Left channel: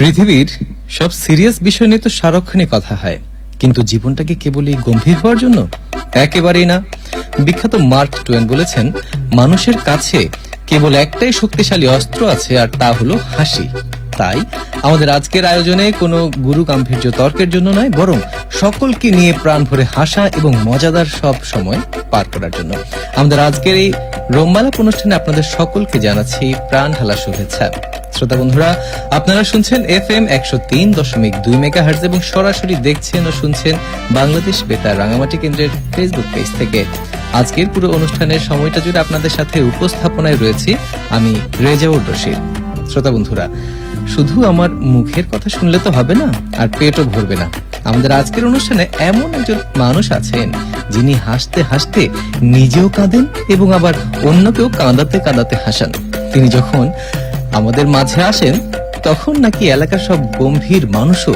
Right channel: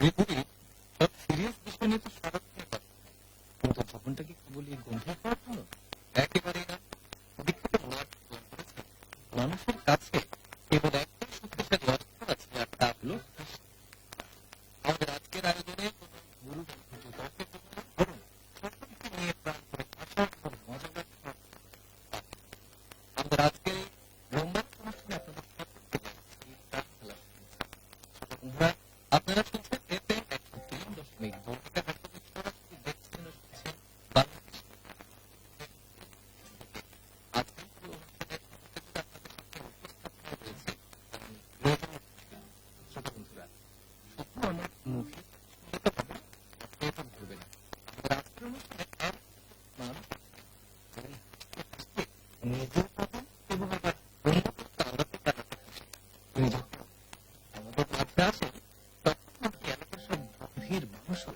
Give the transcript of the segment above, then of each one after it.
পৃথিবীর সব সিরিয়াস বিষয় নিয়ে তো সারাক্ষণই কথা হয়, কিন্তু জীবনটাকে কেবলই গম্ভীর হওয়ার জন্য একেবারেই না। বিখ্যাত মার্ক টুয়েন বলেছেন, মানুষের কাছে কেবল একটাই শক্তিশালী অস্ত্র আছে, আর তা হলো হাসি। তাই আমাদের আজকের আয়োজনে কোনো গুরু গাম্ভীর্য তর্কের জন্য নয়, বরং সকলকে নিয়ে প্রাণ ভরে হাসা এবং মজাদার সব সময় পার করার জন্য। আমাদের আজকের এই রোমমালাপ অনুষ্ঠানে আপনাদের সকলকে জানাচ্ছি প্রাণ ঢালা শুভেচ্ছা। শ্রোতা বন্ধুরা, আপনারা শুনছেন FM 103.2 মেগাহার্টজ এবং সরাসরি দেখছেন ও শুনছেন বাংলাদেশ বেতার রাঙামাটি কেন্দ্রের ফেসবুক পেজ থেকে। আজকের পুরো অনুষ্ঠানের সময়টা জুড়ে আপনাদের সাথে উপস্থাপনায় রয়েছি আমি রেজাউর রশিদ। শ্রোতা বন্ধুরা, শুধু আমার মুখের কথা শুনলে তো হবে না, আর পেটও ভরবে না। আমাদের আজকের অনুষ্ঠানে এমন একজন মানুষ আছেন যিনি হাসতে হাসতে নিজেও কাঁদেন এবং আবার অন্যকেও কাঁদাতে কাঁদাতে হাসান। তিনি যখন আমাদের মাঝে আসেন তখন নাকি এলাকার সব গম্ভীর মানুষও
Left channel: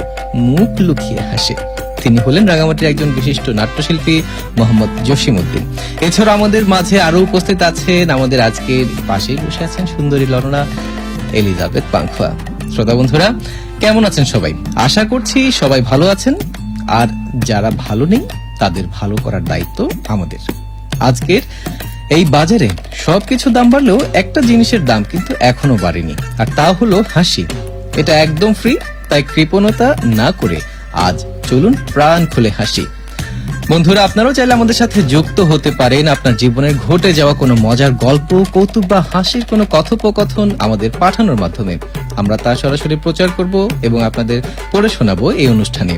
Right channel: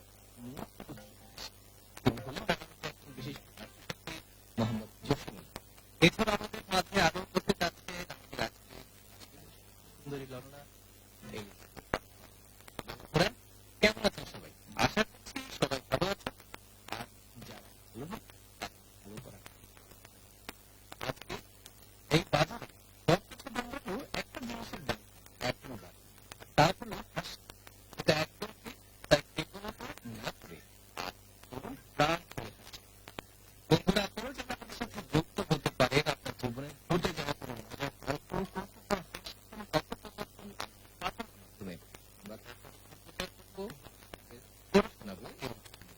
মুখ লুকিয়ে হাসে। তিনি হলেন রাঙামাটির একজন বিশিষ্ট নাট্যশিল্পী মোহাম্মদ জসিমউদ্দিন। এছাড়া আমাদের মাঝে আরো উপস্থিত আছেন, আমাদের আজকের পাশেই বসে আছেন সুন্দরী ললনা এলিজাবেথ পাংখুয়া। শ্রোতা বন্ধুরা, কেমন আছেন সবাই? আশা করছি সবাই ভালো আছেন, আর যারা ভালো নেই তাদের ভালো করার দায়িত্ব আমাদের। আজকের এই বাজারে সবকিছু দাম বাড়লেও একটা জিনিসের দাম কিন্তু এখনো বাড়েনি, আর তা হলো হাসি। এটা একদম ফ্রি, তাই কৃপণতা না করে আজ চলুন প্রাণ খুলে হাসি। বন্ধুরা, আপনারাও চাইলে আমাদের সাথে যুক্ত হতে পারেন। আপনার জীবনের ঘটে যাওয়া কোনো মজার গল্প, কৌতুক বা হাসির কোনো কথোপকথন আমাদের পাঠানোর মাধ্যমে আমরা তা সরাসরি প্রচার করব এবং আপনাদের পড়ে শোনাবো এই অনুষ্ঠানে।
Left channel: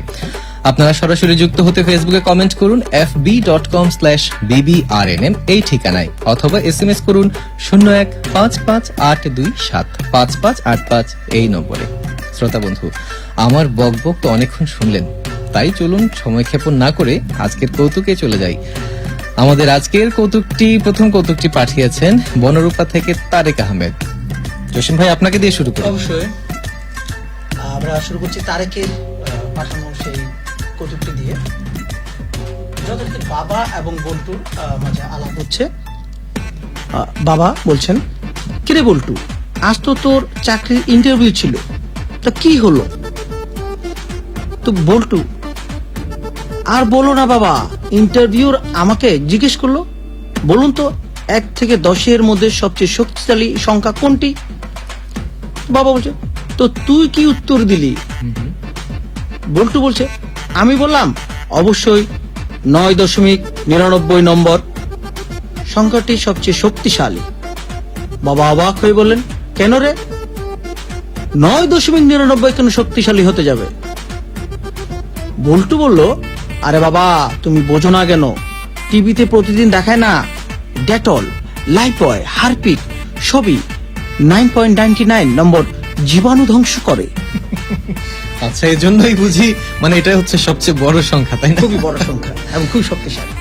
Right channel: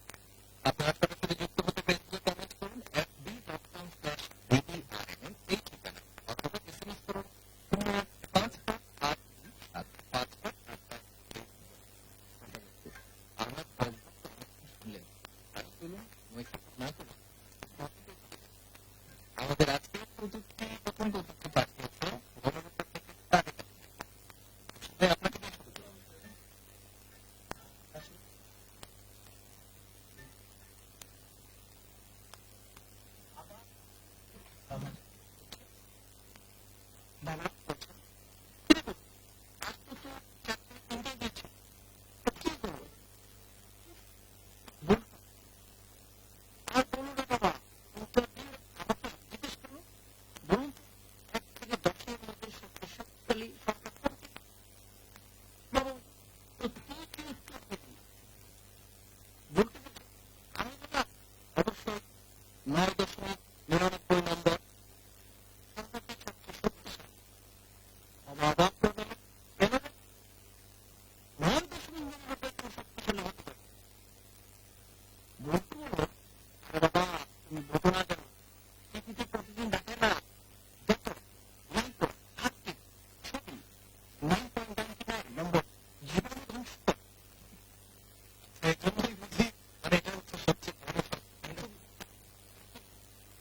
আপনারা সরাসরি যুক্ত হতে ফেসবুকে কমেন্ট করুন fb.com/bbrnm এই ঠিকানায়, অথবা SMS করুন 015582755585 এই নম্বরে। শ্রোতা বন্ধু, আমার বকবক তো অনেকক্ষণ শুনলেন, তাই চলুন সময় ক্ষেপণ না করে আজকের কৌতুকে চলে যাই। আমাদের আজকের প্রথম কৌতুকটি পাঠিয়েছেন বনরূপা থেকে তারেক আহমেদ। জসিম ভাই, আপনাকে দিয়ে শুরু করি। অবশ্যই আমরা শুরু করছি তারেকের পাঠানো সেই কৌতুকটি দিয়ে। যথারীতি বাবা এবং বল্টুর মাঝে আলাপ হচ্ছে। বাবা বলছেন, কিরে বল্টু, আজ তো তোর চাকরির ইন্টারভিউ ছিল, তা কি হলো? তো বল্টু, আর বলো না বাবা, ইন্টারভিউর আমাকে জিজ্ঞেস করলো, বলুন তো 1 থেকে 10-এর মধ্যে সবচেয়ে শক্তিশালী সংখ্যা কোনটি? বাবা বলছে, তো তুই কি উত্তর দিলি? বল্টু বলছে, আমি বললাম অবশ্যই 9.99 নম্বর সংখ্যাটি সবচেয়ে শক্তিশালী। বাবা অবাক হয়ে বললেন, কেন রে? 9.99 কেন শক্তিশালী হতে যাবে? বল্টু বলল, আরে বাবা, তুমি বোঝো না কেন? টিভিতে প্রতিদিন দেখায় না, ডেটল, লাইপয়, হারপিক সবই 9.99 নম্বর জীবাণু ধ্বংস করে। আচ্ছা, এই জন্যই বুঝি, মানে এটা হচ্ছে সবচেয়ে বড় সংখ্যা, তাই না? খুবই বড় সংখ্যা এবং খুব শক্তিশালী।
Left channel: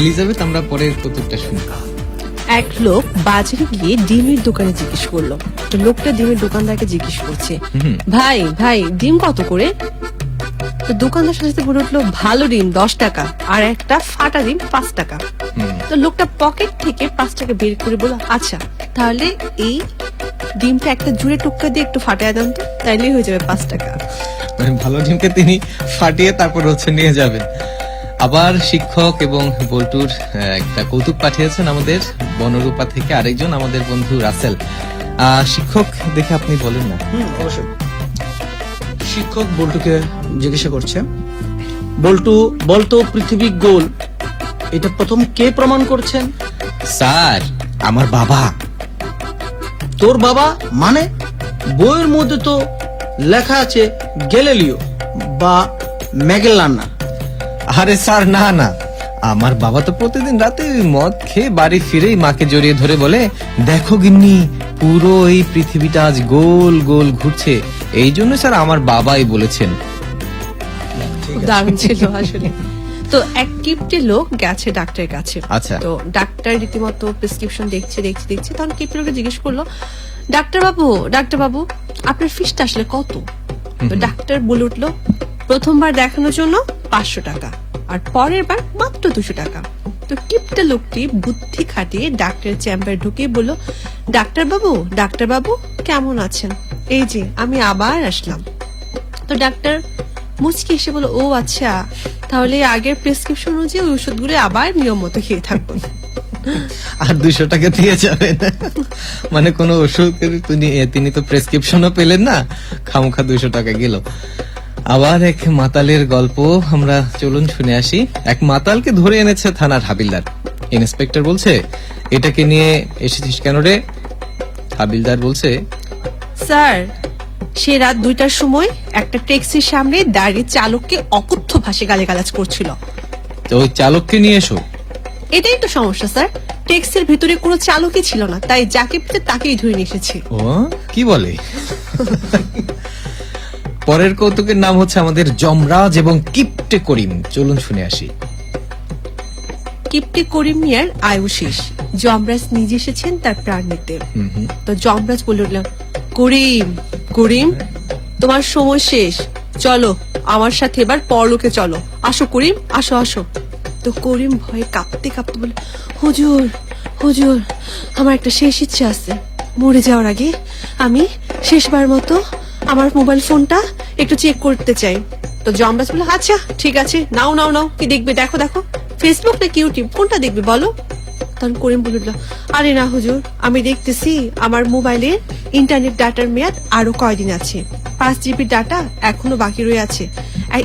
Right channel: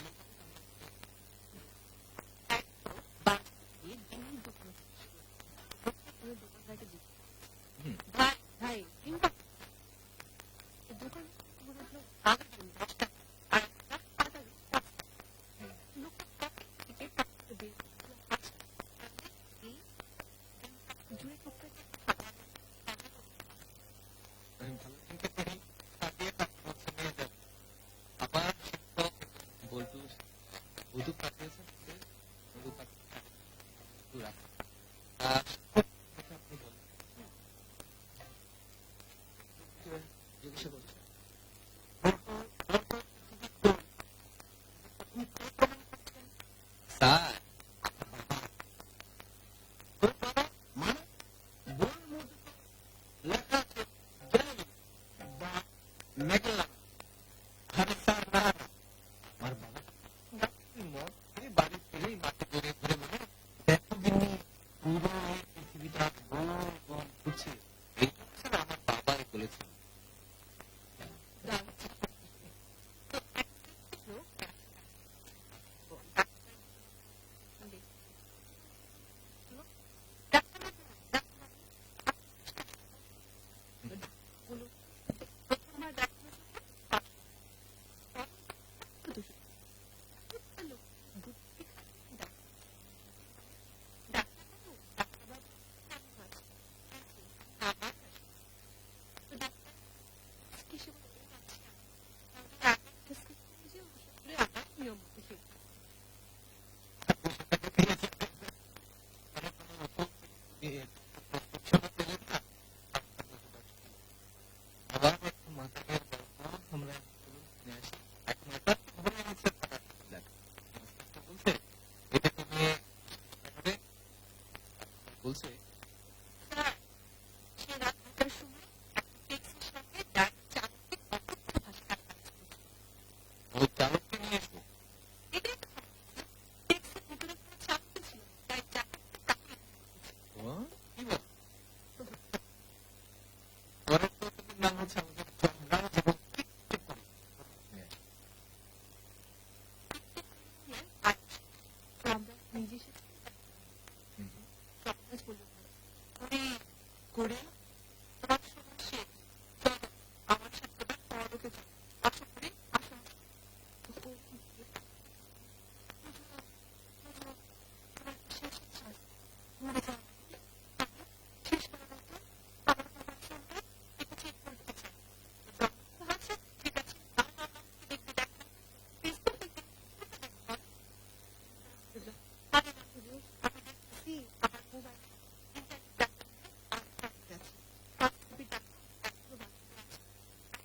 এলিজাবেথ, আমরা পরের কৌতুকটা শুনি। এক লোক বাজারে গিয়ে ডিমের দোকানে জিজ্ঞেস করলো। তো লোকটা ডিমের দোকানদারকে জিজ্ঞেস করছে, ভাই ভাই ডিম কত করে? তো দোকানদার সাথে বলে উঠলো, ভালো ডিম 10 টাকা, আর একটা ফাটা ডিম 5 টাকা। তো লোকটা পকেট থেকে 5 টাকা বের করে বলল, আচ্ছা তাহলে এই ডিমটা একটা জুড়ে টুকরা দিয়ে একটু ফাটায় দেন তো, তাইলেই হয়ে যাবে 5 টাকা। মানে ভালো ডিমকে তিনি ফাটিয়ে তারপর নিয়ে যাবেন। আবার শিক্ষক এবং বল্টুর একটা কৌতুক পাঠিয়েছেন আমাদের বনরূপা থেকে আরেকজন আমাদের বন্ধু রাসেল। শিক্ষক, দেখে আপনি বলেন না। অবশ্যই। শিক্ষক বল্টুকে জিজ্ঞাসা করছে, বল্টু বলতো পৃথিবী গোল, এটা প্রথম কে প্রমাণ করছেন? স্যার, আমার বাবা। তোর বাবা মানে? বইয়ের মধ্যে তো লেখা আছে গ্যালিলিও বা ম্যাগেলানা। আরে স্যার, না না, আমার বাবা তো প্রতিদিন রাতে মদ খেয়ে বাড়ি ফিরেই মাকে জড়িয়ে ধরে বলে, দেখো গিন্নি, পুরো এই পৃথিবীটা আজ গোল গোল ঘুরছে। এই জন্য স্যার আমার বাবাই বলেছেন। দারুণ ছিল আসলে। তো এক কিপ্টে লোক গেছে ডাক্তারের কাছে। আচ্ছা। তো ডাক্তার রীতিমতো প্রেসক্রিপশন দেখছে, তখন কিপ্টে লোকে জিজ্ঞেস করলো, ডাক্তার বাবু আপনার ফিসটা আসলে কত? তো ডাক্তার বলে উঠলো, প্রথমবার দেখানোর জন্য 500 টাকা, আর পরের বার মাত্র 200 টাকা। তো কিপ্টে লোকটি বুদ্ধি খাটিয়ে ডাক্তারের চেম্বারে ঢুকে বলল, ডাক্তার বাবু কেমন আছেন? এই যে আমি আবার আসলাম। তো ডাক্তার মুচকি এসে বলো, ও আচ্ছা, তাহলে আগের প্রেসক্রিপশন অনুযায়ী ওই ওষুধগুলো আবার নিয়ম মতো খেয়ে থাকবো। আর 200 টাকা দিয়ে যাবেন, মানে কোন ওষুধ তিনি তো প্রেসক্রিপশনও পেলেন না, খামোখা 200 টাকা গেল। আবার এক মাতালের গল্প আমরা চলুন শুনে আসি। এক মাতালকে ধরে এনেছে থানার হাবিলদার। ইন্সপেক্টর বলছে, এটাকে নিয়ে এসেছিস কেন রে? হাবিলদার বলছে, স্যার, সে রাত 2টার সময় একটা ট্যাক্সির সামনে দাঁড়িয়ে চালককে অকথ্য ভাষায় গালিগালাজ করছিল। তো ওই চালককে নিয়ে এসো। এটাই তো সমস্যা স্যার, ট্যাক্সির ভিতরে কোনো চালকই ছিল না, তাই যাকে পেতে তাকেই ধরে নিয়ে এসেছি। ও কি বলে? পরের কৌতুকের নাম হচ্ছে আমাদের যমরাজ এবং কিপ্টে করিম। চলুন শুনে আসি। কিপ্টে করিম মিয়ার আয়ু শেষ, যমরাজ নিজে এসেছেন তার প্রাণ নিতে। তো যমরাজ বলে উঠলেন, করিম করিম, তোমার সময় শেষ, চলো আমার সাথে এবার পরলোকে চলো, আসো করিম, আসো আসো। তো করিম ভয়ে কাঁপতে কাঁপতে বলে, হুজুর হুজুর, আমার একটা শেষ ইচ্ছা আছে, মরে যাওয়ার আগে আমি শেষবার মতো আমার মোবাইল ফোনটা একটু চেক করতে চাই। তো যমরাজ বলে, আচ্ছা ঠিক আছে, নাও নাও নাও, কি দেখবে দেখো দেখো, ফেসবুক নাকি ইউটিউব, কোনটা দেখবে বলো? তখন করিম বলে উঠল, আরে না হুজুর, আমি দেখতেছি আমার মোবাইলে ইন্টারনেট ডাটার মেয়াদ আরো কয়দিন আছে, 5 GB ডাটা এখনো বাকি রয়ে আছে,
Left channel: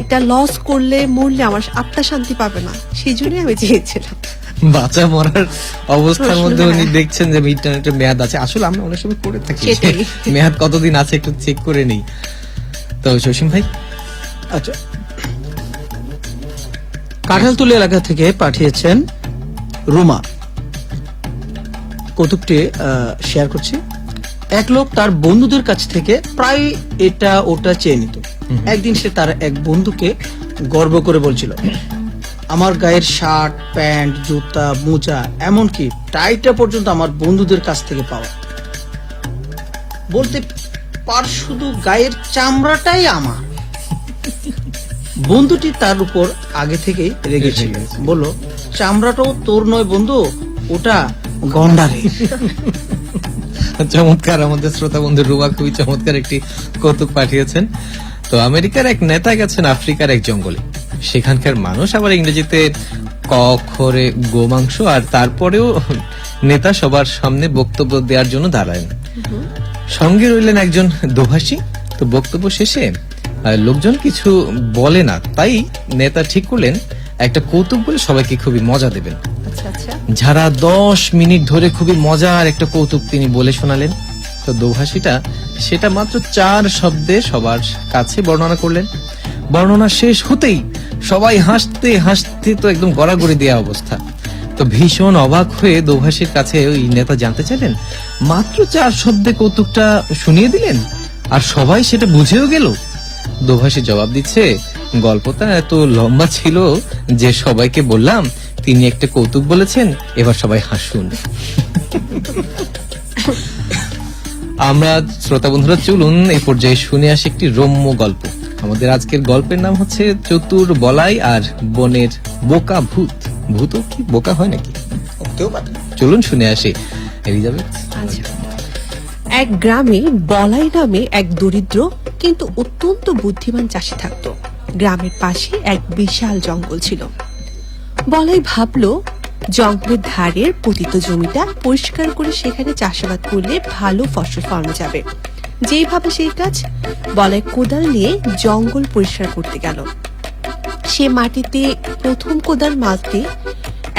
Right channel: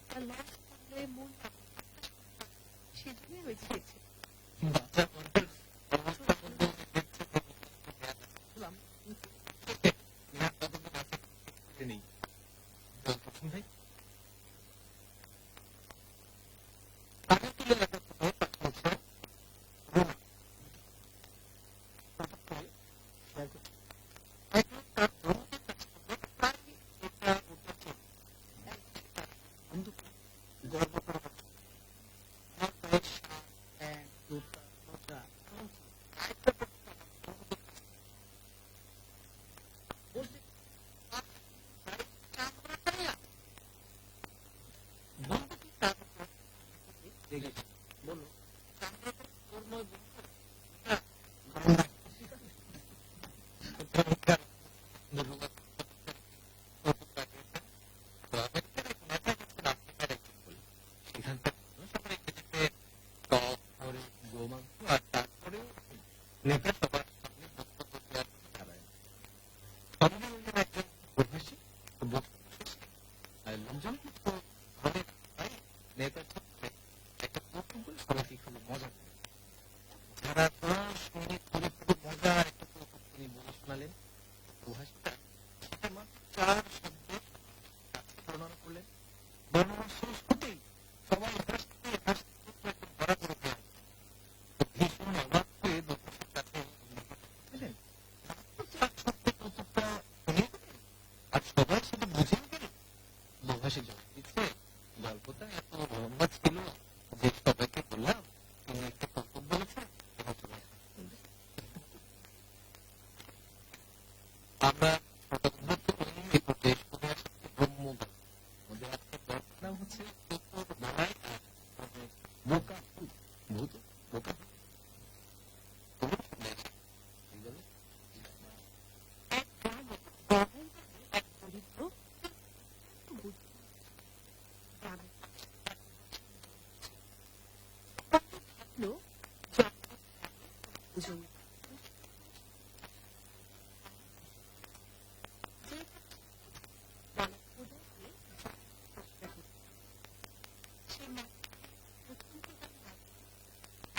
এটা লস করলে মরলে আমার আত্মা শান্তি পাবে না, সেই জন্যই আমি চেয়েছিলাম। বাঁচা মরার অবস্থার মধ্যে উনি দেখছেন যে ইন্টারনেটের মেয়াদ আছে। আসলে আমরা অনেক সময় করে থাকি, সেটাই। মেয়াদ কতদিন আছে একটু চেক করে নেই। তো জসিম ভাই, আচ্ছা, কাঁঠালতলী এলাকা থেকে পাঠিয়েছেন রুমা। কৌতুকটি শেয়ার করছি। এক লোক তার বন্ধুদের কাছ থেকে প্রায় এটা ওটা চেয়ে নিত। একদিন সে তার এক বন্ধুকে গর্ব করে বলছিল, আমার গায়ের শার্ট প্যান্ট জুতা মোজা এমনকি টাইটা পর্যন্ত আমার বন্ধুদের কাছ থেকে পাওয়া। বলতে পার শুধু গায়ের চামড়াটাই আমার। বন্ধুটি তার উপর আগে থেকেই রেগেছিল, বলল, চামড়াটাও তোর নয় বন্ধু, ওটা গন্ডারে। চমৎকার। আমাদের শ্রোতা বন্ধু রুবা খুবই চমৎকার একটি কৌতুক পাঠিয়েছেন। তো আমেরিকার এক নেতা গেছেন আফ্রিকার এক জঙ্গলে। সেখানকার মানুষ আবার ইংরেজিতে ক অক্ষরে গোমাংস, আর তারপরেও নেতা সবার সামনে বক্তব্য দেওয়ার জন্য দাঁড়ালেন। সঙ্গে রইলেন একজন দোভাষী। তো বক্তব্য শেষে লোকজন কিছু বলে না, তাই নেতা ঠিক করলেন একটা কৌতুক বলে সবাইকে খুবই মজা দেবেন। আচ্ছা আচ্ছা। যারা 10 মিনিট ধরে খুবই মজার একটা কৌতুক তিনি বলে শোনালেন। তো দোভাষীটা সেটা মাত্র 4 শব্দে সবার কাছে বর্ণনা করলেন। বর্ণনা শেষ হতেই সবাই হাসতে হাসতে তো একদম গড়াগড়ি দেওয়া অবস্থা। তো ভীষণ অবাক হয়ে দোভাষীর কাছে ওই নেতা জানতে চাইলেন, মাত্র 4 শব্দে কৌতুকটা শুনিয়ে দিলেন আর সবাই সেটা বুঝেও গেল? দোভাষী জবাব দিচ্ছে, গল্পটা এত লম্বা ছিল যে সবাইকে বললাম তিনি একটা কৌতুক বলেছেন, এবার সবাই হাসুন। আমরা শ্রোতা বন্ধুরা চলুন এই পর্যায়ে শুনে আসি একটি রম্য গল্প। আমাদের আজকের গল্পের নাম হচ্ছে চতুর বলাই আর বনের বোকা ভূত। ভূতও কি বোকা হয় নাকি? চলুন শুনে আসি। এলিজাবেথ। আচ্ছা। এক গ্রামে বলাই নামে এক দরিদ্র কিন্তু অত্যন্ত বুদ্ধিমান চাষি থাকতো। গ্রামের পাশে এক বিশাল জঙ্গল ছিল। বলাই ভাবলো জঙ্গলের ধারের পতিত জমিটা পরিষ্কার করে সেখানে চাষাবাদ করলে ভালো ফসল ফলানো যাবে। যেই ভাবে সেই কাজ, বলাই কোদাল নিয়ে জঙ্গল পরিষ্কার করতে গেল। সে মাটিতে প্রথম কোদাল মারতে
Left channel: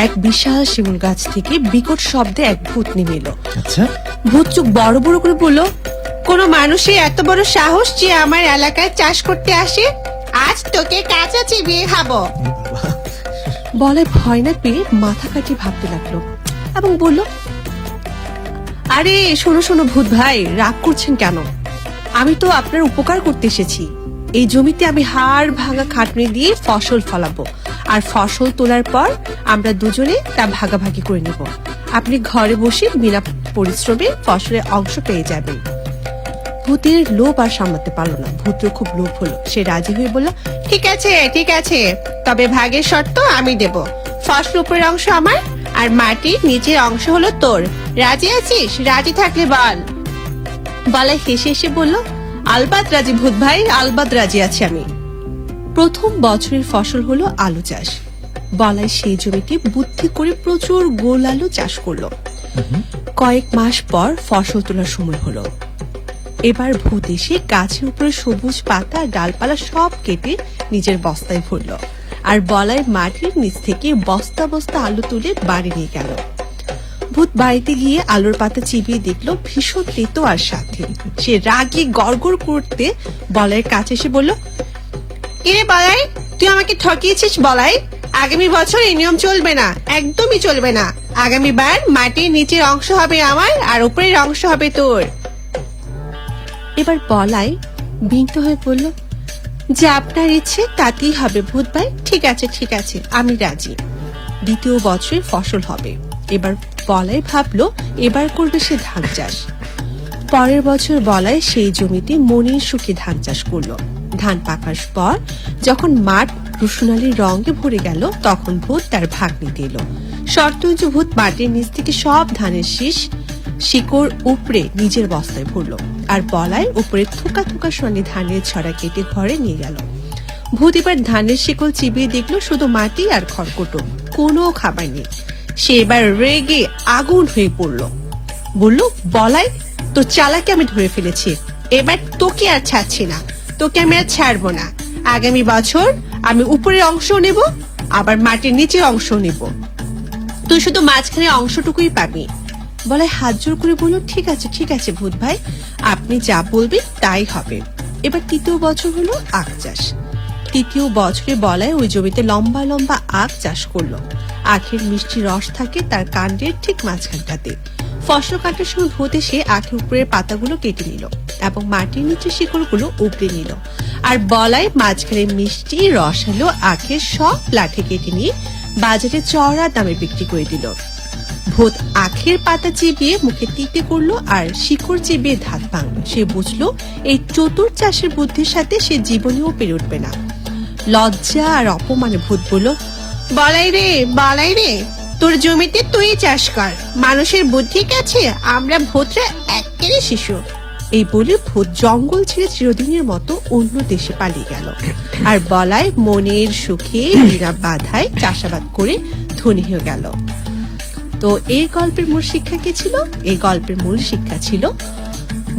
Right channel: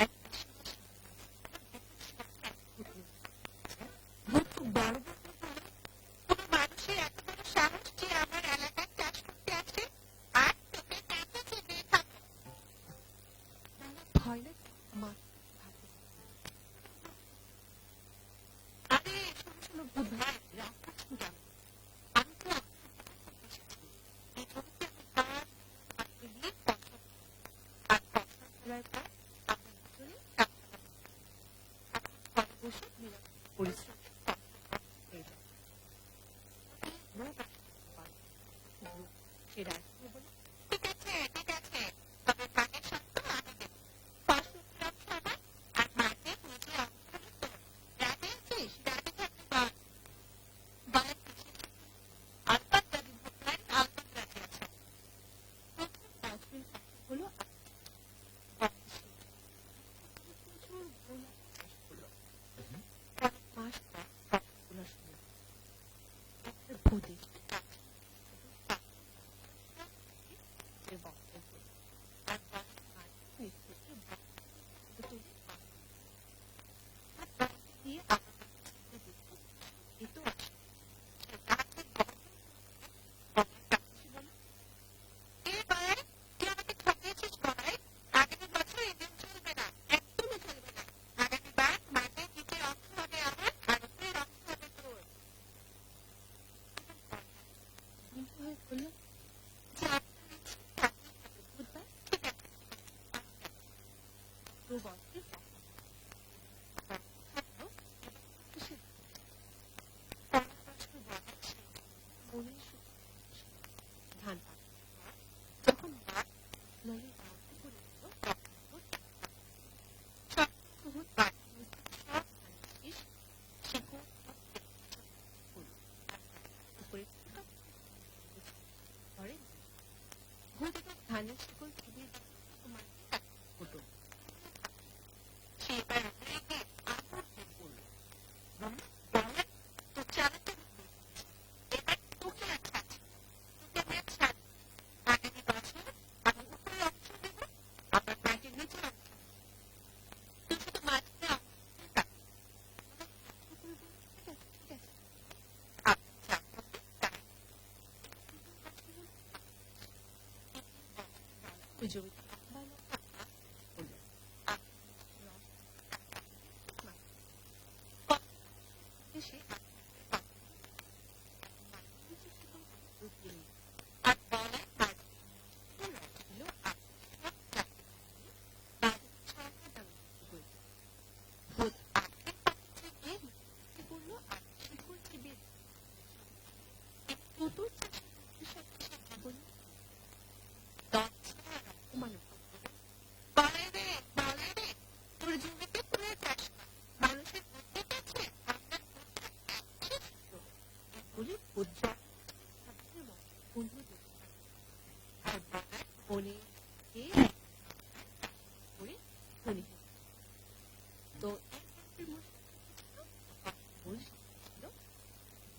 এক বিশাল শিমুল গাছ থেকে বিকট শব্দে এক ভূত নেমে এলো। আচ্ছা। ভূত চোখ বড় বড় করে বলল, কোন মানুষের এত বড় সাহস যে আমার এলাকায় চাষ করতে আসে? আজ তোকে কাঁচা চিবিয়ে খাবো। বলে ভয় না পেয়ে মাথা কাটিয়ে ভাবতে লাগলো এবং বলল, আরে শোনো শোনো ভূত ভাই, রাগ করছেন কেন? আমি তো আপনার উপকার করতে এসেছি। এই জমিতে আমি হাড় ভাঙা খাটনি দিয়ে ফসল ফলাবো, আর ফসল তোলার পর আমরা দুজনে তা ভাগাভাগি করে নেব। আপনি ঘরে বসে বিনা পরিশ্রমে ফসলের অংশ পেয়ে যাবেন। ভূতের লোভ আর সামলাতে পারলো না। ভূতের খুব লোভ হলো। সে রাজি হয়ে বলল, ঠিক আছে, তবে ভাগের শর্ত আমি দেব। ফসল উপরের অংশ আমার আর মাটির নিচের অংশ হলো তোর। রাজি আছিস? রাজি থাকলে বল। বলাই হেসে হেসে বলল, আলবাত রাজি ভূত ভাই, আলবাত রাজি আছি আমি। প্রথম বছরের ফসল হলো আলু চাষ। বলাই সেই জমিতে বুদ্ধি করে প্রচুর গোল আলু চাষ করলো। কয়েক মাস পর ফসল তোলার সময় হলো। এবার ভূত এসে গাছের উপরে সবুজ পাতা ডালপালা সব কেটে নিজের বস্তায় ভরলো, আর বলাই মাটির নিচ থেকে বস্তা বস্তা আলু তুলে বাড়ি নিয়ে গেল। ভূত বাড়িতে গিয়ে আলুর পাতা চিবিয়ে দেখলো ভীষণ তেতো আর স্বাদহীন। সে রাগে গড়গড় করতে বলাইয়ের কাছে এসে বলল, এরে বলাই, তুই আমাকে ঠকিয়েছিস বলাই। আগামী বছর এই নিয়ম চলবে না, একদমই চলবে না। আগামীবার মাটির নিচের অংশ হবে আমার আর উপরের অংশ হবে তোর। এবার বলাই বিনীত হয়ে বলল, যে আপনার ইচ্ছে তাতেই হবে ভূত ভাই। ঠিক আছে ঠিক আছে, আমি রাজি। দ্বিতীয় বছরে ফসল হবে। এবার বলাই ভাবলো এবার করবে সে ধান চাষ। পরের বছর বলাই সেই জমিতে মনের সুখে ধান চাষ করলো। ধান পাকার পর যখন মাঠ রুসুনালি রঙে ভরে গেল, তখন ভূত তার ভাগ নিতে এলো। শর্ত যে ভূত মাটির নিচ থেকে সব ধানের শীষ শিকড় উপড়ে নিজের বস্তায় ভরলো, আর বলাই উপরে থুকা থুকা সোনালি ধানের ছড়া কেটে ঘরে নিয়ে গেল। ভূত এবার ধানের শিকল চিবিয়ে দেখলো শুধু মাটি আর খড়কুটো, কোনো খাবার নেই। সে এবার রেগে আগুন হয়ে পড়লো। বলল, বলাই, তোর চালাকে আমি ধরে ফেলেছি। এবার তোকে আর ছাড়ছি না, তোকে আমি আর ছাড়বো না। আগামী বছর আমি উপরের অংশ নেব, আবার মাটির নিচের অংশ নেব। তুই শুধু মাঝখানে অংশটুকুই পাবি। বলাই হাত জোর করে বলল, ঠিক আছে ঠিক আছে ভূত ভাই, আপনি যা বলবেন তাই হবে। এবার তৃতীয় বছর হলো আখ চাষ। তৃতীয় বছরে বলাই ওই জমিতে লম্বা লম্বা আখ চাষ করলো। আখের মিষ্টি রস থাকে তার কাণ্ডের ঠিক মাঝখানটাতে। ফসল কাটার সময় ভূত এসে আখের উপরের পাতাগুলো কেটে নিল এবং মাটির নিচে শিকড়গুলো উপড়ে নিল, আর বলাই মাঝখানে মিষ্টি রসালো আখের সব লাঠি কেটে নিয়ে বাজারে চড়া দামে বিক্রি করে দিল। ভূত আখের পাতা চিবিয়ে মুখে তিতে করলো আর শিকড় চিবিয়ে ধাত ভাঙলো। সে বুঝলো এই চতুর চাষের বুদ্ধির সাথে সে জীবনেও পেরে উঠবে না। লজ্জা আর অপমানে ভূত বলল, বলাই রে, তোর জমিতে তুই চাষ কর, মানুষের বুদ্ধি কাছে আমরা ভূতরা একেবারে শিশু। এই বলে ভূত জঙ্গল ছেড়ে চিরদিনের মতো অন্য দেশে পালিয়ে গেল। আর বলাই মনের সুখে বিনা বাধায় চাষাবাদ করে ধনী হয়ে গেল। তো এই গল্পের মূল শিক্ষা কি ছিল? এই গল্পের মূল শিক্ষা ছিল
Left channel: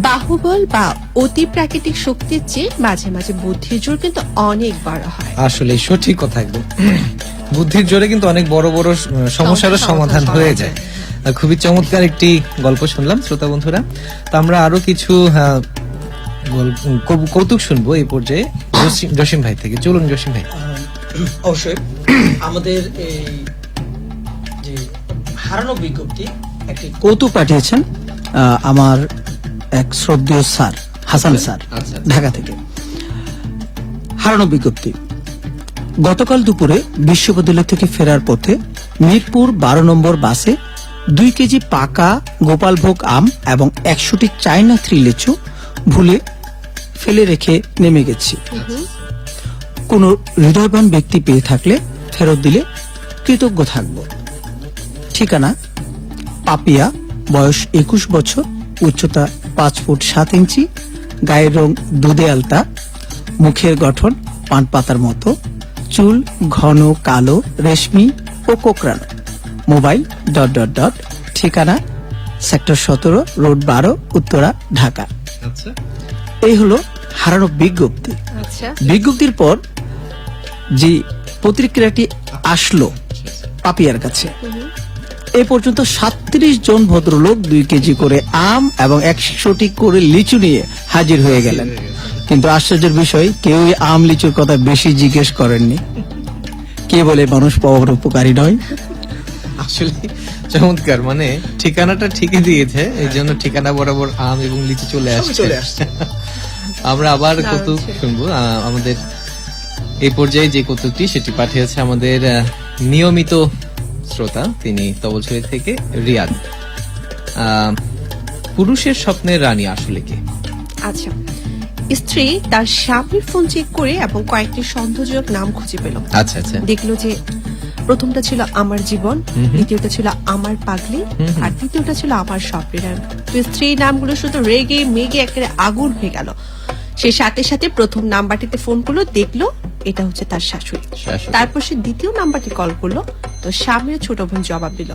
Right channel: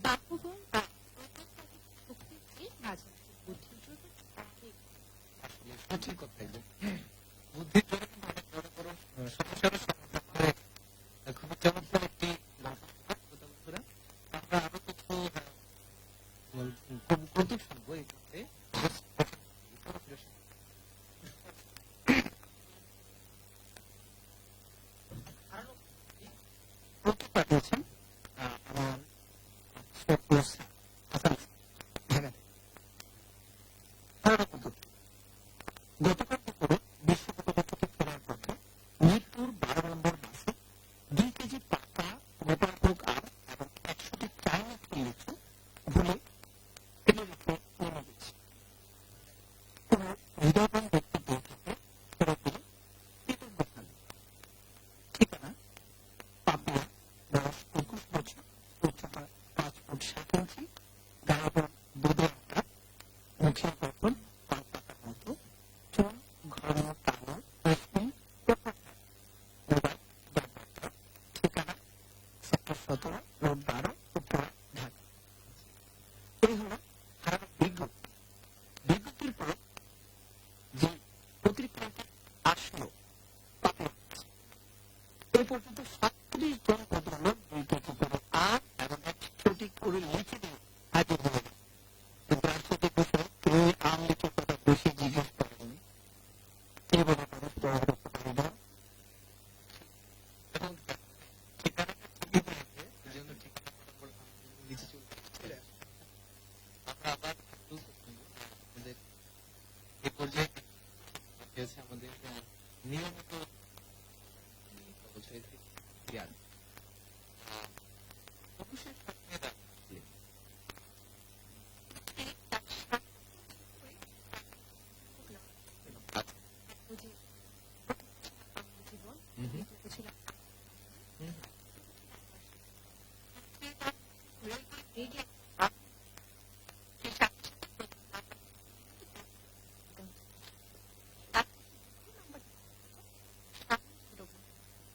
বাহুবল বা অতি প্রাকৃতিক শক্তির চেয়ে মাঝে মাঝে বুদ্ধির জোর কিন্তু অনেক বড় হয়। আসলে সঠিক কথা একদম। বুদ্ধির জোরে কিন্তু অনেক বড় বড় সমস্যারও সমাধান হয়ে যায়। খুবই চমৎকার একটি গল্প শুনলাম শ্রোতা বন্ধুরা। তো আমরা আরো কিছু কৌতুক শুনবো এই পর্যায়ে জসিম ভাই থেকে। চলুন জসিম ভাই। অবশ্যই আমাদের এই যে হারানো বিজ্ঞপ্তি একটি কৌতুক পাঠিয়েছেন আমার এক শ্রদ্ধেয় স্যার হাসান স্যার, আচ্ছা। ঢাকা থেকে। হারানো বিজ্ঞপ্তি। গতকাল দুপুরে বিশ্ববিদ্যালয় থেকে ফেরার পথে মিরপুর 12 নম্বর বাসে 2 কেজি পাকা গোপালভোগ আম এবং 100টি চায়না থ্রি লিচু ভুলে ফেলে রেখে নেমে গেছি। কোন হৃদয়বান ব্যক্তি পেয়ে থাকলে ফেরত দিলে কৃতজ্ঞ থাকব। ঠিকানা পাপিয়া, বয়স 21 বছর, উচ্চতা 5 ফুট 7 ইঞ্চি, গায়ের রং দুধে আলতা, মুখের গঠন পান পাতার মতো, চুল ঘন কালো রেশমি ও কোকড়ানো, মোবাইল ... ঠিকানা সেক্টর 17, রোড 12, উত্তরা, ঢাকা। আচ্ছা, এই হলো হারানো বিজ্ঞপ্তি। আচ্ছা, বিজ্ঞপ্তির পর যে প্রতিক্রিয়াটি আসলো পাপিয়ার কাছে, এই পর্যন্ত 37 জন ভদ্রলোক 2 কেজি করে আম এবং 100টি করে লিচু নিয়ে হাজির হয়ে গেলেন। কিন্তু আশ্চর্যের বিষয়, কেউই আম লিচুর কথা বেশি জিজ্ঞেস করেননি। কে বলে মানুষ পাওয়ার উপকারী নয়? আসলে চমৎকার। মানে ঠিকানাটা ঠিকই দিয়েছে, এই জন্য ঠিকানা বরাবর আম এবং লিচু চলে আসছে। আমরা আবার কৌতুক শুনবো। আমাদের এই পর্যায়ে যে কৌতুকটি সেটি পাঠিয়েছে আমাদের নিয়মিত শ্রোতা, তিনি তবলছড়ি থেকে রিয়াদ। পুরুষের স্বপ্নের রানী আসলে কে? আচ্ছা, স্ত্রী তার স্বামীর ফোন চেক করে এবং কয়েকটি সন্দেহজনক নাম খুঁজে পেল। আচ্ছা আচ্ছা, দেখলো যে প্রথমটা ছিল আমার জীবন, দ্বিতীয়টা ছিল আমার পাগলি, আর তৃতীয়টা ছিল আমার স্বপ্নের। তো স্ত্রীর নামগুলো শুধু রেগে মেগে একেবারে আগুন হয়ে গেল। সে সাথে সাথে প্রথম নাম্বারটিতে ফোন করলো, দেখলো এটা হচ্ছে তার শাশুড়ি। শাশুড়ি। তারপর সে দ্বিতীয় নাম্বারটি কল করলো, তো স্বামীর ছোট বোন জবাব দিল।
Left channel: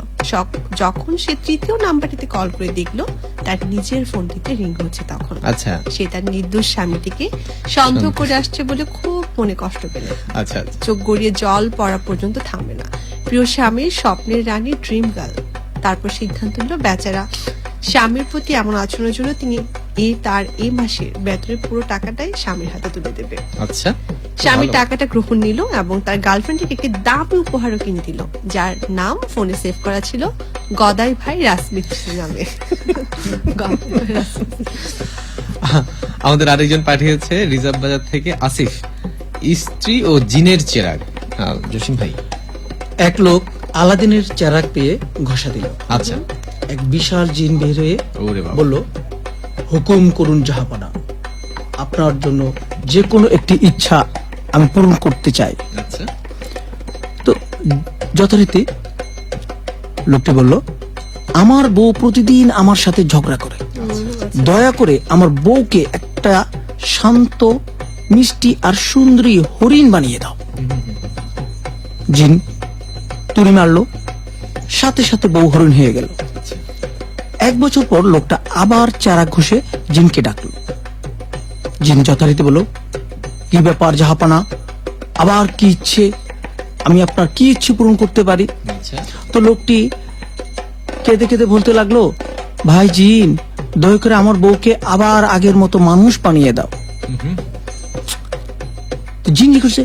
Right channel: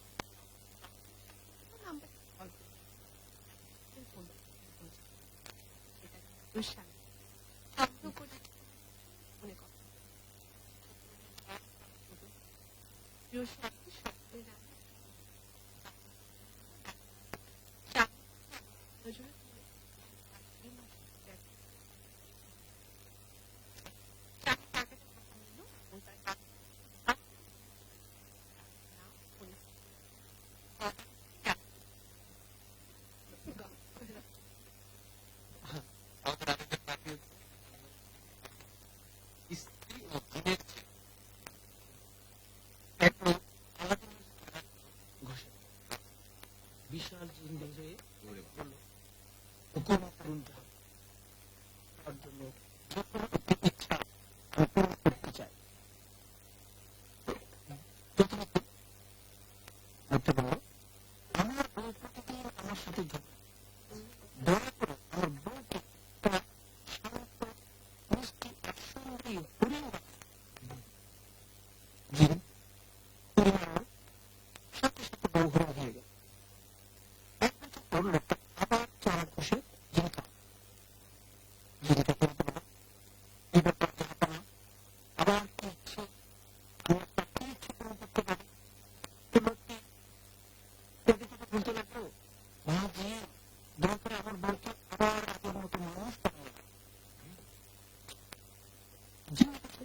যখন সে তৃতীয় নাম্বারটিতে কল করে দেখলো তার নিজের ফোনটিতে রিং হচ্ছে, তখন আচ্ছা সে তার নির্দোষ স্বামীটিকে সন্দেহ করে আসছে বলে খুব মনে কষ্ট পেল। আচ্ছা আচ্ছা। চোখ গড়িয়ে জল পড়া পর্যন্ত থামবে না। প্রিয় স্বামীর স্বপ্নের রানী ড্রিম গার্ল। তারপর সিদ্ধান্ত নিল বেচারা স্বামীর প্রতি এমন আচরণের জন্য তিনি তার এই মাসের বেতনের পুরো টাকাটাই স্বামীর হাতে তুলে দেবে। আচ্ছা স্বামী ভালো। টাকাটা গ্রহণ নিল এবং তার গার্লফ্রেন্ডকে একটি দামি উপহারও কিনে দিল, যার নাম ফোনে সেভ করা ছিল গদাই ভাই রাজমিস্ত্রি নামে। গদাই ভাই রাজমিস্ত্রি। আমাদের আরেকজন পাঠিয়েছে রিজার্ভ বাজার থেকে আসিফ, স্ত্রী ও জিনের চেরাগ। জসিম ভাই। এক লোক আলাদিনের চেরাগ পেয়ে ঘষা দিল। আচ্ছা। এক বিশাল জিন বের হয়ে ওরে বাবা। বলল, হুকুম করুন জাহাপানা, আপনার জন্য যে কোনো একটি ইচ্ছা আমি পূরণ করতে চাই। আচ্ছা। তো যথারীতি লোকটি বলল, আমার বউ প্রতিদিন আমার সাথে ঝগড়া করে, দয়া করে আমার বউকে একটা শান্ত, মিষ্টি আর সুন্দরী হরিণ বানিয়ে দাও। জিন তুড়ি মারলো, সাথে সাথে বউ হরিণ হয়ে গেল। আচ্ছা। 1 বছর পর লোকটা আবার চারা ঘষে জিনকে ডাকলো। জিন যথারীতি বলল, কি ব্যাপার জাহাপানা, আবার কি ইচ্ছে, আমি আপনার কি ইচ্ছে পূরণ করতে পারি? আচ্ছা। তো লোকটি কেঁদে কেঁদে বলতে লাগলো, ভাই জিন, দয়া করে আমার বউকে আবার আগের মতো মানুষ বানিয়ে দাও। তো জিন জিজ্ঞেস করছে,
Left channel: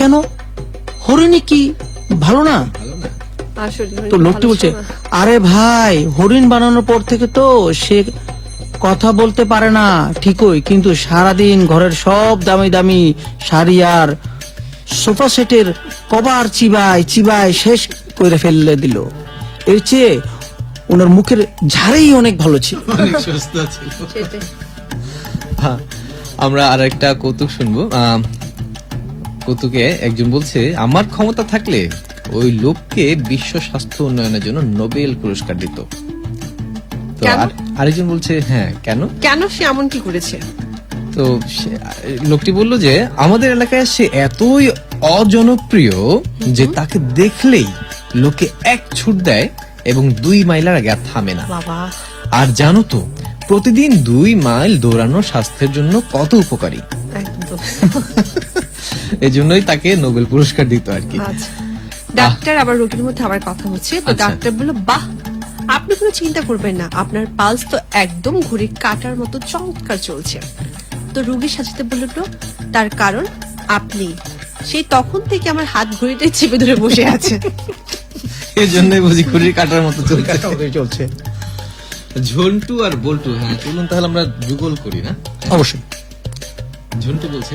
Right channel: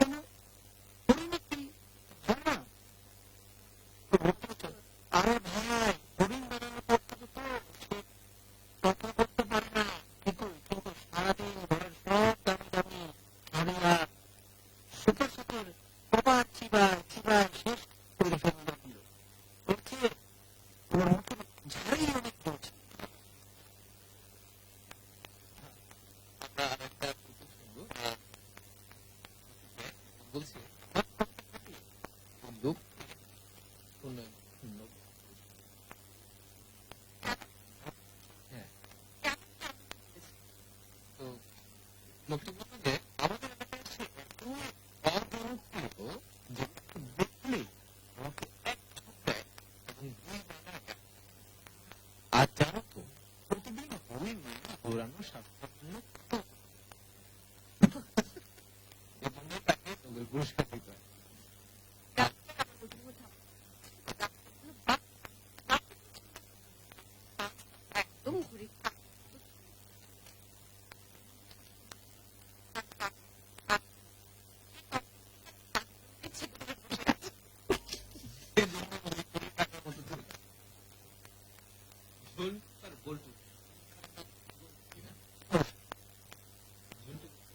কেন, হরিণী কি ভালো না? ভালো না? আসলে তো লোকটি বলছে, আরে ভাই, হরিণ বানানোর পর থেকে তো সে কথা বলতে পারে না ঠিকই, কিন্তু সারাদিন ঘরের সব দামি দামি শাড়ি আর সোফা সেটের কভার চিবায় চিবায় শেষ করে ফেলে দিল। এর চেয়ে ওনার মুখের ঝাড়েই অনেক ভালো ছিল। অনেক সুস্থ ছিল। সেটাই। হ্যাঁ, আমরা আর একটা কৌতুক শুনবো। কৌতুকে একজন বলছে, আমার ক্ষমতা থাকলে ওই লোককে বিশ্ব স্বাস্থ্য উন্নয়নের জন্য নোবেল পুরস্কার দিত। তো কেন? আরেকজন বলছে, হ্যাঁ কেন? কেন সে এমন কি করেছে? তো লোকটি বলল যে আমাদের এলাকায় সে এতই অজনপ্রিয় যে তাকে দেখলেই লোকে এক ছুট দেয় এবং 2 মাইলের আগে আর থামে না। বাবা, আর জানো তো, প্রতিদিন 2 মাইল দৌড়ানো স্বাস্থ্যের জন্য কত উপকারী। একদম। এজন্যই তাকে নোবেল পুরস্কার দিত আর কি। আচ্ছা। ডাক্তার আবার রোগীর মধ্যে আবার কথা হচ্ছে, তো আচ্ছা। ডাক্তার বলল, বাহ, আপনি কোনো চিন্তা করবেন না, আপনার পালস তো একদম ঘড়ির কাঁটার মতো চমৎকার চলছে। তো রোগীর সাথে বলল, তার কারণ আপনি। সেই তখন থেকে আমার হাত ঘড়িটাই চেপে ধরে বসে আছে। এজন্যই বুঝি ঘড়ির কাটার মতো চলছে। ঝন্টু আর বল্টু, হ্যাঁ চলুন তাহলে আমরা যুগল করি না? অবশ্যই। ঝন্টু বলছে,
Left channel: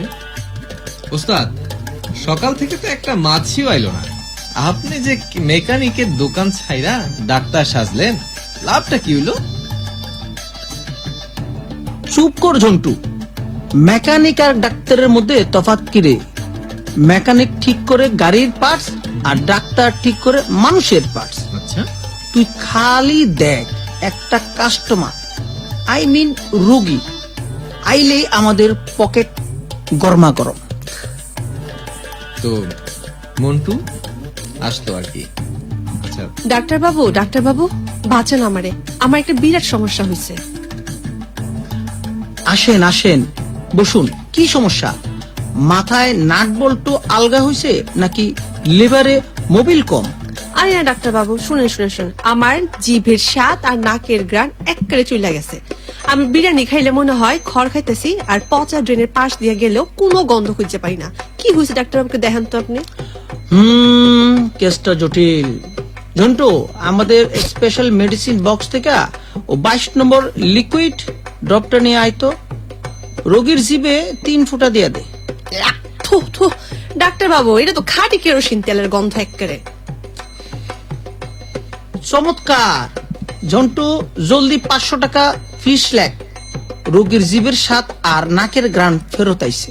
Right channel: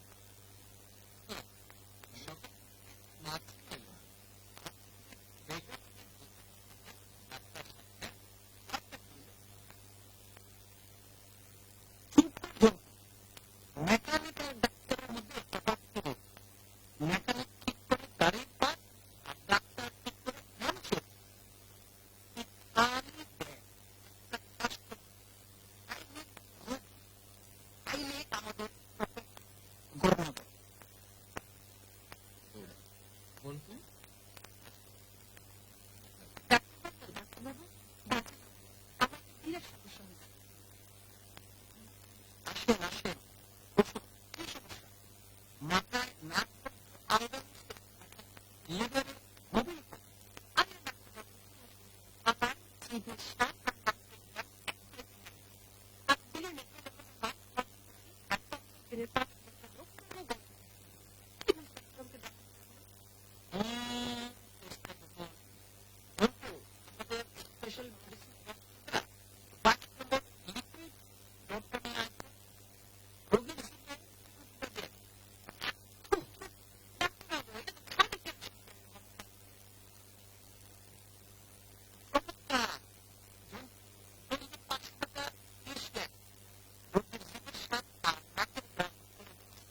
ওস্তাদ, সকাল থেকে তো একটা মাছিও আইলো না, আপনি যে মেকানিকের দোকান ছাইরা ডাক্তার সাজলেন, লাভটা কি হইলো? চুপ কর ঝন্টু, মেকানিক আর ডাক্তারের মধ্যে তফাৎ কি রে? মেকানিক ঠিক করে গাড়ির পার্টস আর ডাক্তার ঠিক করে মানুষের পার্টস। আচ্ছা। তুই খালি দেখ, একটা কাস্টমার, আই মিন রোগী আইলেই আমাদের পকেট গরমা গরম। তো মন্টু আসতো আর কি। আচ্ছা। ডাক্তার বাবু বাঁচান আমারে, আমার একটা বিরাট সমস্যা হয়েছে। আসেন আসেন, বসুন। কি সমস্যা? মাথায় নাট বল্টু আলগা হয়েছে নাকি লিভারে মোবিল কম? আরে না ডাক্তার বাবু, শুনেন, আমার জিভের স্বাদ আর নাকের গ্রান একবারে চলে গেছে। আমি বিরিয়ানি খাইলে মনে হয় খড় খাইতেছি, আর পচা ড্রেনের পাশ দিয়ে গেলেও কোনো গন্ধ খুঁজে পাই না। কি হয়েছে ডাক্তার বাবুকে দেখেন তো আপনি। কেসটা জটিল। ঝন্টু, আমাদের স্পেশাল মেডিসিন বক্স থেকে ও 22 নম্বর লিকুইড ড্রপটা নিয়ে আইতো, রোগীর জিভে 3 ফোঁটা দিয়ে দে। থু, ডাক্তার বাবু, এটা তো খাঁটি কেরোসিন তেলের গন্ধ একবারে। চমৎকার ঝন্টু, জলদি 500 টাকা ফিস লেখ। রোগীর জিভের স্বাদ আর নাকের গ্রান ফেরত আইছে।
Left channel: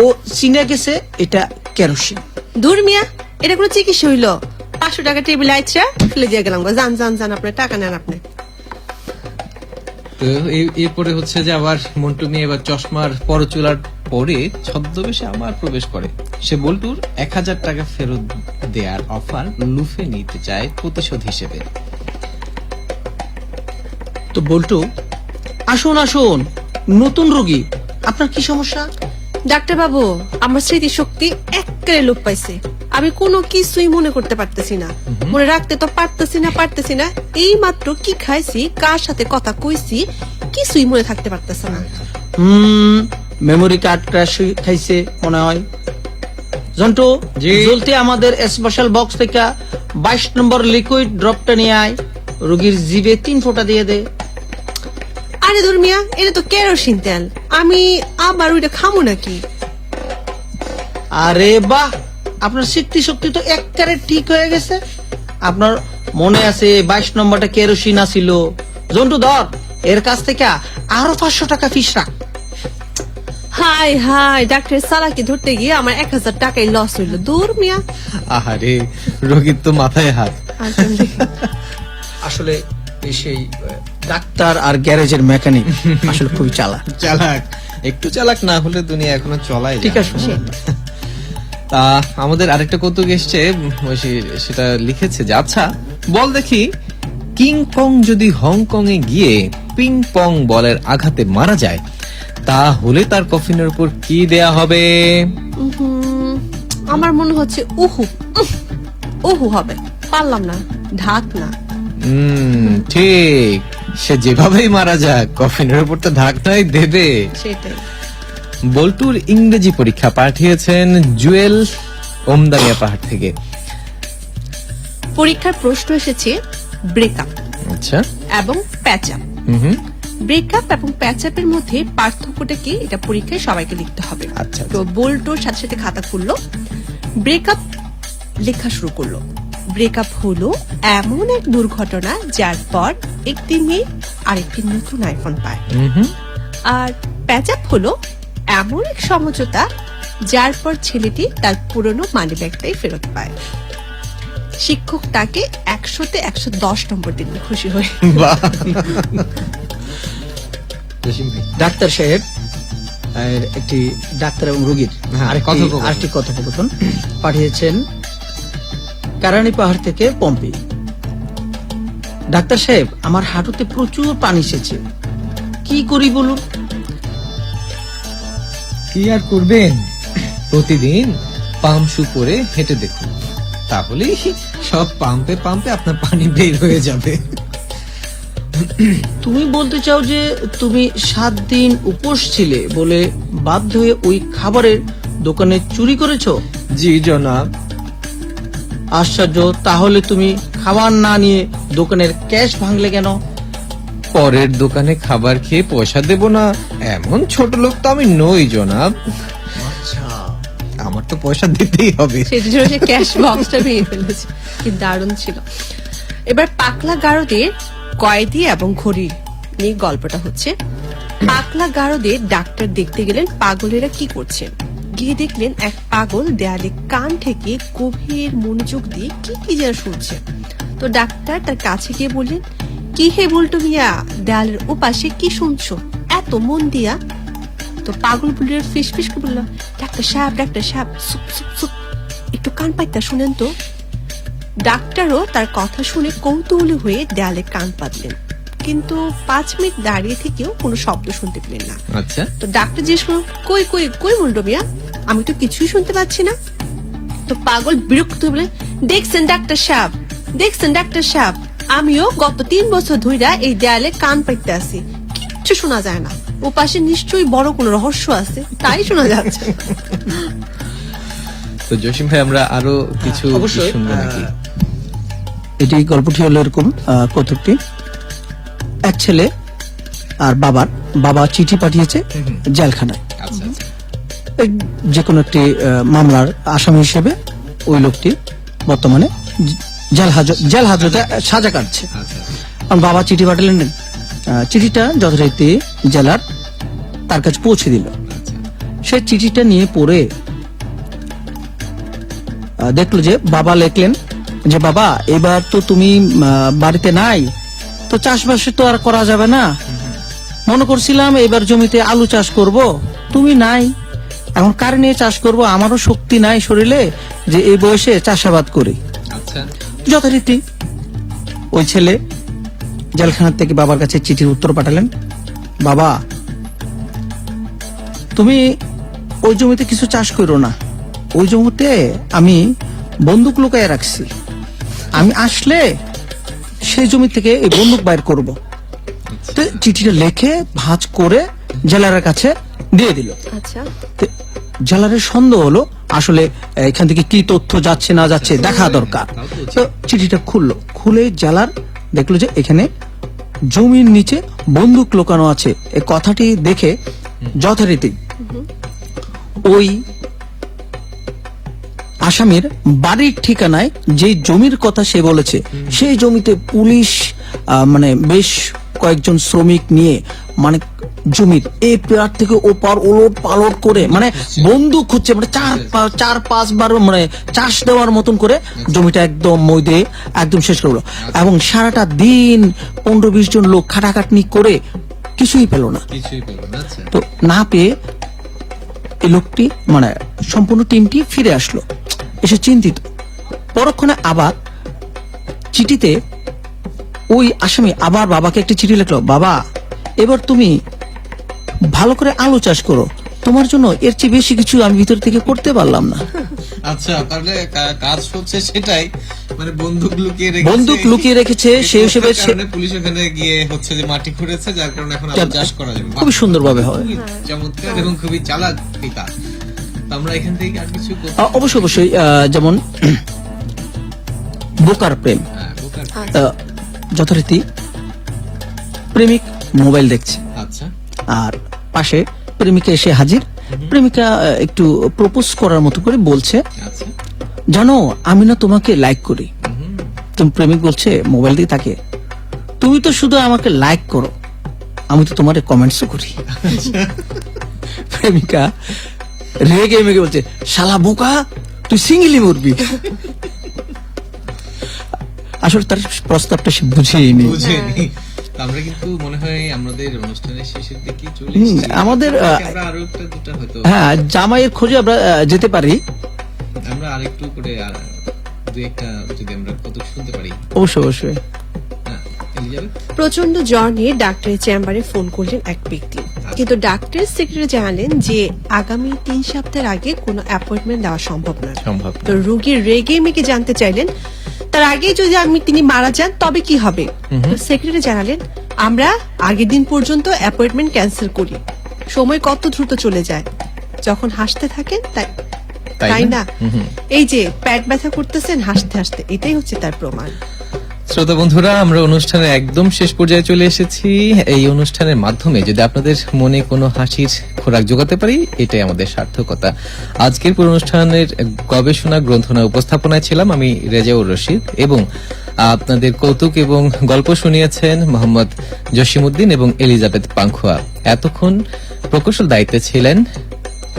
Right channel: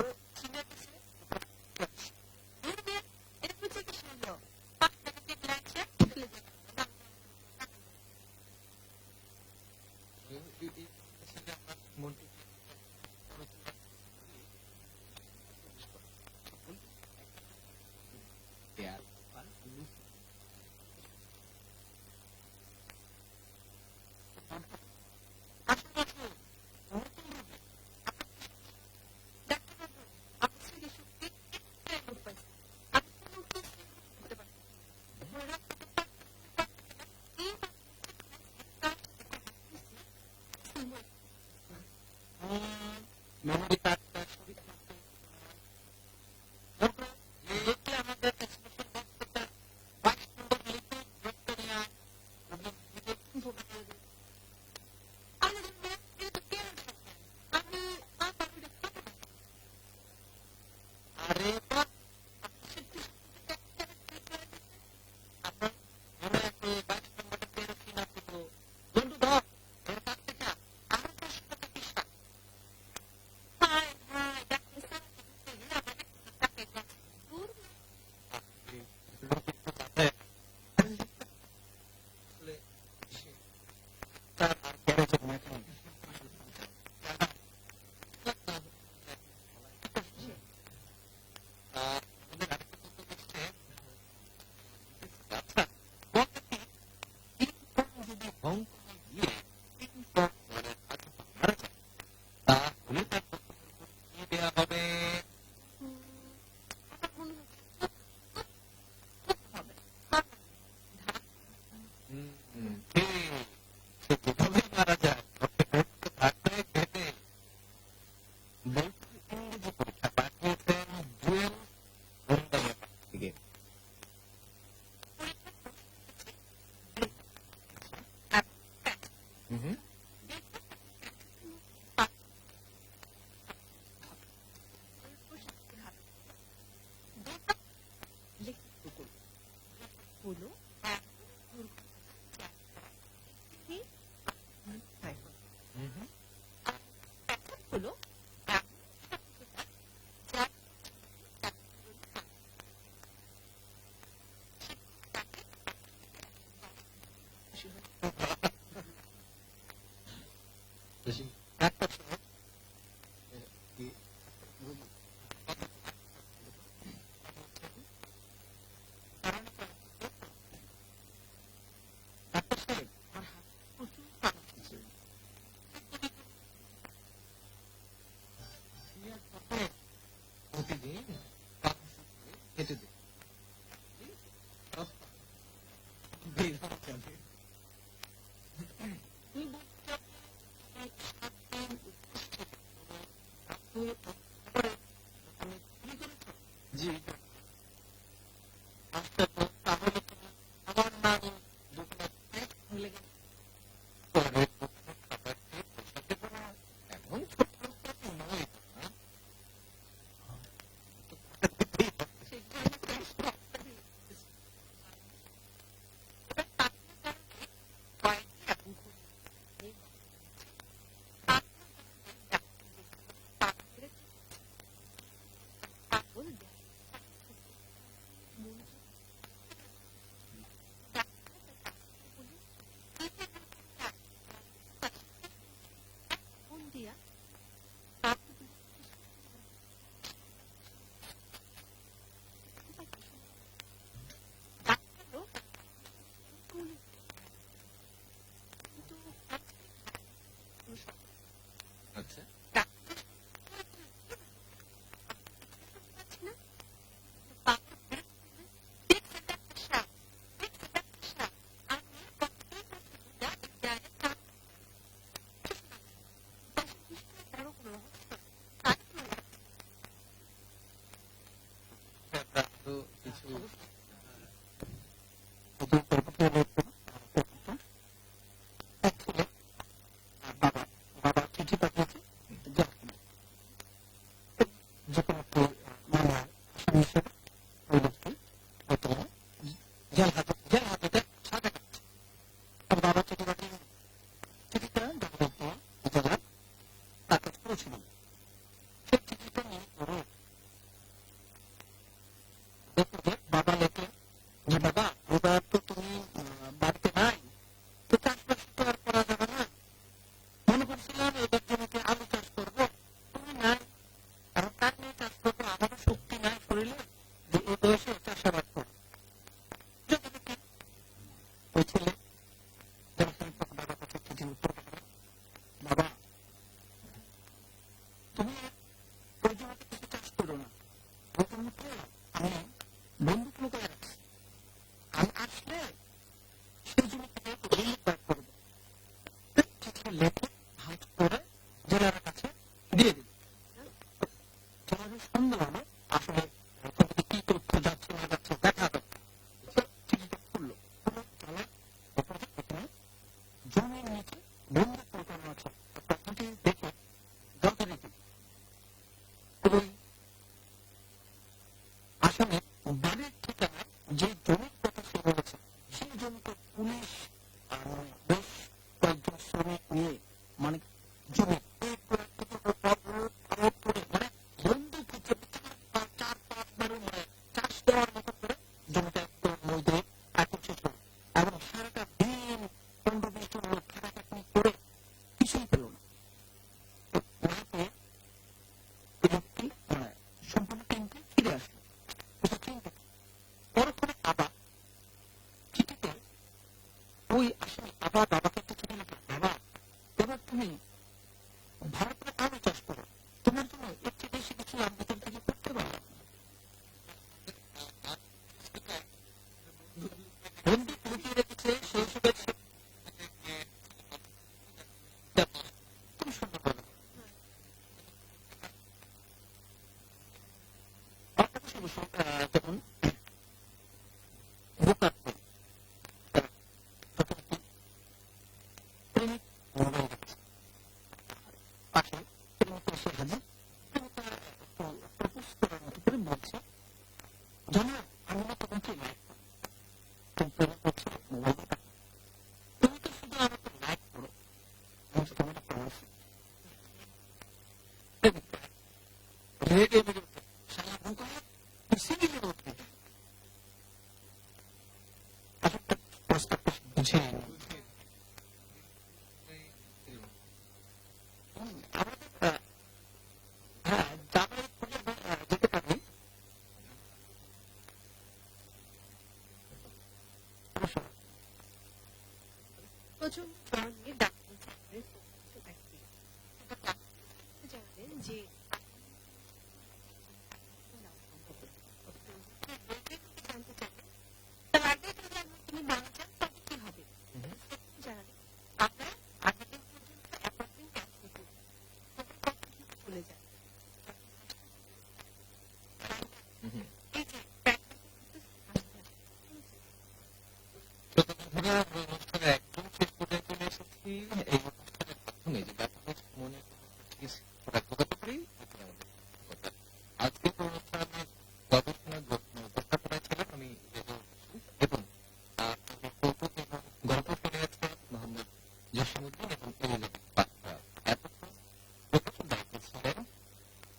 ও চিনে গেছে এটা কেরোসিন। দূর মিয়া, এটা কোনো চিকিৎসা হইলো? 500 টাকা টেবিল আইছা ফেলে দিয়ে গেলাম। যান আপনার টাকা নেন আপনি। তো এরপরে হচ্ছে যে আবার মন্টু মিয়া এবার চশমার পরচুলার পরে ছদ্মবেশে আমার প্রবেশ করে। সে বল্টুর 1000 টাকা ফেরত দেওয়ার অফার লুফে নিতে চায় প্রতিশোধ হিসেবে। তো বল্টু, আসুন আসুন, নতুন রোগী, আপনার কি সমস্যা? ডাক্তার বাবু, আমার স্মৃতিশক্তি একেবারে লোপ পাইছে। আমি কোনো কিছুই মনে করতে পারতেছি না, মনে রাখতে তো পারতেছি না। এই মাত্র কি খাইছি, কার সাথে কথা কইছি, কিছুই মনে থাকতে পারতেছে না। মেমোরি কার্ড ক্র্যাশ খাইছে মনে হয়। জন্টু, জি। জলদি আমাদের স্পেশাল বক্স থেকে 22 নম্বর লিকুইড ড্রপটা নিয়ে আয়, রোগীর জিভে 3 ফোঁটা দিয়ে দে। আরে দুর্মিয়া, এটা তো কেরোসিন তেল, আমি আবার ওইটা খামো নাকি? আরে বাহ, আপনার স্মৃতিশক্তি তো একেবারে ঠিক হয়ে গেছে। আপনার মনে আছে 22 নম্বরটা কেরোসিন ছিল। জন্টু ধর, এর কাছ থেকে আরো 500 টাকা ফিস রাখ। হাই হাই, ডাক্তার সালাকি ধরতে গিয়ে আমার 1000 টাকাই লস হইলো। দুর্মিয়া, আহারে, রোগীর তো মাথায় হাত। আসলে এই সেই ডাক্তার আর গ্যারেজের মেকানিক আসলে খুবই চালাক। চালাক, একটু চালাক না হলে দুনিয়া এখনো চলাই ঠিক যায়। আছে। আমাদের আরেকটা কৌতুক এসছে, সেটা লিখেছে যে আচ্ছা বল দেখি, কিং কং যদি হংকং এ গিয়ে পিং পং বলের আঘাতে মারা যায়, তাহলে তার কফিনের উপর কি দেয়া হবে? আমার মনে হচ্ছে উহু হবে। পারলাম না, ঢাক না। ঠিক, সে যেভাবেই মারা যাক কফিনের উপর তো ঢাকনাই দেবে। সেটাই। বল্টুর ইংরেজি পরীক্ষা পাঠিয়েছেন জুয়েল ওমদানিয়া পাহাড় থেকে। পরীক্ষার প্রশ্ন এসেছে ব্রেকআপ আচ্ছা। এবং প্যাচআপ। ব্রেকআপ এবং প্যাচআপের মধ্যে পার্থক্যটা কি, এটা পরীক্ষায় সবাইকে লিখতে হবে। আচ্ছা। তো বল্টুর সাথে সাথে খাতা খুললো, ব্রেকআপ লেখা শুরু করলো। ব্রেকআপ হলো এমন এক দুর্ঘটনা যার পর একটি মেয়ে আরেকটি নতুন আইফোন পায়। আর প্যাচআপ হলো এমন এক সমঝোতা যার পর ছেলেটি তার পুরনো মানি ব্যাগটাই ফেরত পায়। শিক্ষক তাকে 100-তে 110 নম্বর দিন খুশি হয়ে। বাহ। ডাক্তার সাহেব, একটি ডাক্তার এবং রোগীর আরেকটি কথোপকথন পাঠিয়েছেন কারানি পাহাড় থেকে পম্পি। ডাক্তার সাহেব, আমার হাঁটুতে প্রচুর পানি এসেছে, কি করি বলুন? কি আর করবেন, প্রতিদিন পাম্প শু পরে হেঁটে দেখুন, তাহলেই সব পাম্পে পাম্পে আপনার পানি বের হয়ে যাবে। তুমি বলতে চাও যে তুমি 7 দিন উপোস ছিলে বলে বাধ্য হয়ে ওই খাবারের দোকানে চুরি করেছো? জি জনাব। আশ্চর্য, তাহলে তুমি খাবার না নিয়ে দোকানের ক্যাশ ভাঙলে কেন? পরের দোকানে খাবার খেয়ে পয়সা দেব না এমন ছোট লোক তো আমি নই জনাব। আমার তো পয়সা দিতেই হবে। সেটার জন্য সে ক্যাশ বক্সটা ভেঙে ফেলেছে। কি দারুণ ছিল। এবার পাকলা গারদের কয়েদি এবং ঘড়ি নিয়ে গল্পটা হচ্ছে। পাকলা গারদের ডাক্তার দেখতে গেলেন পাগলেরা কি করছে। গিয়ে দেখলেন এক পাগল দেয়ালে কান থেকে গভীর মনোযোগ দিয়ে কি যেন শুনছে। তো ডাক্তার তার কাছে গিয়ে বললেন, কি হে বল্টু মিয়া, দেয়ালের ওপাশে কি শুনছো এত মন দিয়া? তো পাগল বুড়ির ফিস করে বলল, ডাক্তার সাহেব সুপ সুপ সুপ, একটু কান পাইতা শুনেন তো। ডাক্তারও তার কথা শুনে কৌতূহলী হয়ে দেয়ালে কান পাতলেন, কিন্তু 5 মিনিট দাঁড়িয়ে থেকেও কোনো শব্দ শুনতে পেলেন না। আচ্ছা। তো ডাক্তার জিজ্ঞেস করল, কই কই কই বল্টু মিয়া, আমি তো কিছুই শুনতে পাচ্ছি না। তো পাগল বিরক্ত হয়ে বলে, দেখছেন ডাক্তার সাহেব, আমিও গত 3 বছর ধইরা এই দেয়ালে কান পাইতে আছি, কিচ্ছু শোনা যায় না। ও পাশে নিশ্চয়ই বড় কোনো রহস্য আছে, তাই শোনা যাচ্ছে। তো জসিম ভাই, আমরা আরো কিছু অবশ্যই শুনবো নাকি? এটি গল্পটি হলো এরকম, কৌতুকটি এক ছেলে আর বাবা চিঠি পাঠিয়েছে জেলখানায়। আচ্ছা। এই যে কোনো একটি মামলার আসামি হিসেবে ওই লোকটি বর্তমানে জেল হাজতে সাজা কাটছে। কারণ বাবা চিঠি পাঠালেন, চিঠিটা যথারীতি জেলার তার কাছে পৌঁছে দিল। সে চিঠিটা নিয়ে পড়ে দেখলো যে বাবা লিখলেন যে, বাবা এবার তো তুমি বাড়িতে নাই, তো চাষবাসে তো আর করা যাবে না, মনে করছিলাম এবার জমিতে আলু চাষ করব, তুমি নাই। এখন কার নিয়ে চাষ করব, আমারও শক্তি নাই শরীরে যে এই বয়সে চাষাবাদ করি। আচ্ছা, যথারীতি ওই ছেলে জেলখানা থেকে বাবার কাছে চিঠির উত্তর পাঠালেন, বাবা তুমি ওই জমিতে কিছু চাষ করো না, ওই জমিতে আমি বন্দুক লুকায় রাখছি, আমি আসলে সেই জমি থেকে এই বন্দুক বাইর করব। তো চিঠিটা লিখে ভাঁজ করে জেলারের কাছে দিয়ে দিল। আচ্ছা, তো জেলারের সন্দেহ হলো আসলে এখান থেকে কি তথ্য যাচ্ছে না যাচ্ছে দেখা দরকার। তো চিঠিটা খুললো, খুলে জেলার দেখলো যে এখানে জমির নিচে বন্দুক লুকানো আছে। এই কথাটি দেখে যথারীতি ওই আসামির বাড়ির ঠিকানায় যে জমির কথা সে বলেছে সেই জমিতে পুলিশ মানে বেশ কয়েকজন শ্রমিক নিয়ে মানে জমির এই পার থেকে ও পার ওলট পালট করে মানে বন্দুক হচ্ছে মানে চার পাঁচবার মানে চাষ দেওয়ার মতন করে জমিটা একদম মই দিয়ে একদম শেষ করলো। এবং সারাটা দিন 15-20 জন লোক খাটাখাটনি করে কিছুই পেল না। কিছুই পেল না। আচ্ছা, তো না পেয়ে এই লোকটি মানে সম্পূর্ণ টিমটি ফিরে আসলো, এসে চিন্তিত। পরক্ষণে আবার চিঠিতে ওই আসামি আবার বাবাকে একটা চিঠি লিখলো, বাবা এবার তুমি ভালো করে আলু চাষ করো, তোমার জন্য এর চেয়ে বেশি কিছু আমি ভিতর থেকে করতে পারলাম না। আচ্ছা, তাহলে কাজ হচ্ছে সেটাই, মানে বন্দুক লুকিয়ে রেখেছে সেই হিসেবে পুলিশ ওখানে গিয়ে হচ্ছে যে মাটি খুঁড়েছে, যার কারণে এখন আলু চাষ করা যাবে। খুবই সুন্দরভাবে হয়, চমৎকার এবং খুবই চালাক পিতা। আমরা এখান থেকে আর কিছু অবশ্যই অবশ্যই যেমন বোকার প্রেম। যথারীতি প্রেমিক মোবাইল দেখছে, আচ্ছা, আর পাশে প্রেমিকা এসে হাজির। প্রেমিকা একটু প্রপোজ করার মতো করে বলছে, আচ্ছা, জানো আমি না তোমাকে লাইক করি। তুমি প্রেমিক বলছে মোবাইল দিয়ে তাকে, তুমি তো শুধু আমাকে লাইক করো, আমি তো তোমার কমেন্টসও করি। প্রেমিকা রেগে মেগে বলছে, শালা বোকা তুই সিঙ্গেলি মরবি। আসলে তার প্রস্তাবটা সে বুঝেইনি। আমরা কিন্তু মনে হয় আমাদের অনুষ্ঠানের শেষের দিকে চলে হুম, এসেছি। আমাদের আমরা আরো একটা দুটা হয়তো হ্যাঁ জামাইয়ের খোঁজে আমরা যেতে পারি। আমরা আরেকটু করে দুই একটা যদি আমরা কত শুনতে পারি। অবশ্যই অবশ্যই। হ্যাঁ, এলিজাবেথ? প্রচন্ড জ্বর নিয়ে ডাক্তারের চেম্বারে ফোন করলেন এক ব্যক্তি, কিন্তু ডাক্তার সেক্রেটারি জানালেন যে আগামী 3 সপ্তাহের আগে কোনো অ্যাপয়েন্টমেন্ট দেওয়া সম্ভব নয়। সম্ভব তো রোগীর রেগে মেগে জানতে চাইলেন তার আগে যদি তিনি মারা যান তবে কি হবে। সেক্রেটারি জানালেন আমরা আগের দিন পর্যন্ত অ্যাপয়েন্টমেন্ট ক্যান্সেল করি, সময় কত দ্রুত চলে যায় যখন হাসতে থাকেন তাই না। এই যে পেট ব্যথা করতেছেন হাসতে হাসতে, এটাই হচ্ছে তার প্রমাণ। শ্রোতা বন্ধুরা, আমরা অনুষ্ঠানের একদম শেষ পর্যায়ে চলে এসেছি। এই অনুষ্ঠানের মাধ্যমে যদি আপনাদের মনে কোনো হাসির খোরাক জোগাতে পারি, এটাই আমাদের সার্থকতা। আজকের পুরো অনুষ্ঠানের গবেষণা গ্রন্থনা উপস্থাপনায় ছিলাম আমি রেজাউর রশিদ, এবং আপনাদের কৌতুক এবং গল্প শুনিয়েছেন মোহাম্মদ জসিমউদ্দিন এবং এলিজাবেথ পাংখুয়া। এতক্ষণ প্রকৌশল দায়িত্বে ছিলেন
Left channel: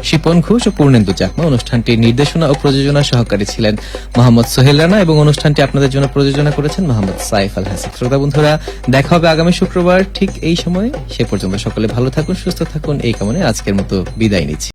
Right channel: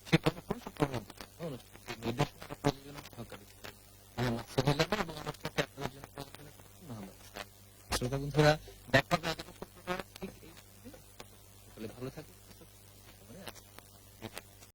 শিপন ঘোষ ও পূর্ণেন্দু চাকমা। অনুষ্ঠানটির নির্দেশনা ও প্রযোজনা সহকারী ছিলেন মোহাম্মদ সোহেল রানা, এবং অনুষ্ঠানটি আপনাদের জন্য প্রযোজনা করেছেন মোহাম্মদ সাইফ আল হাসিব। শ্রোতা বন্ধুরা, দেখা হবে আগামী শুক্রবার ঠিক এই সময়ে। সে পর্যন্ত সকলে ভালো থাকুন, সুস্থ থাকুন, এই কামনায় আজকের মতো বিদায় নিচ্ছি।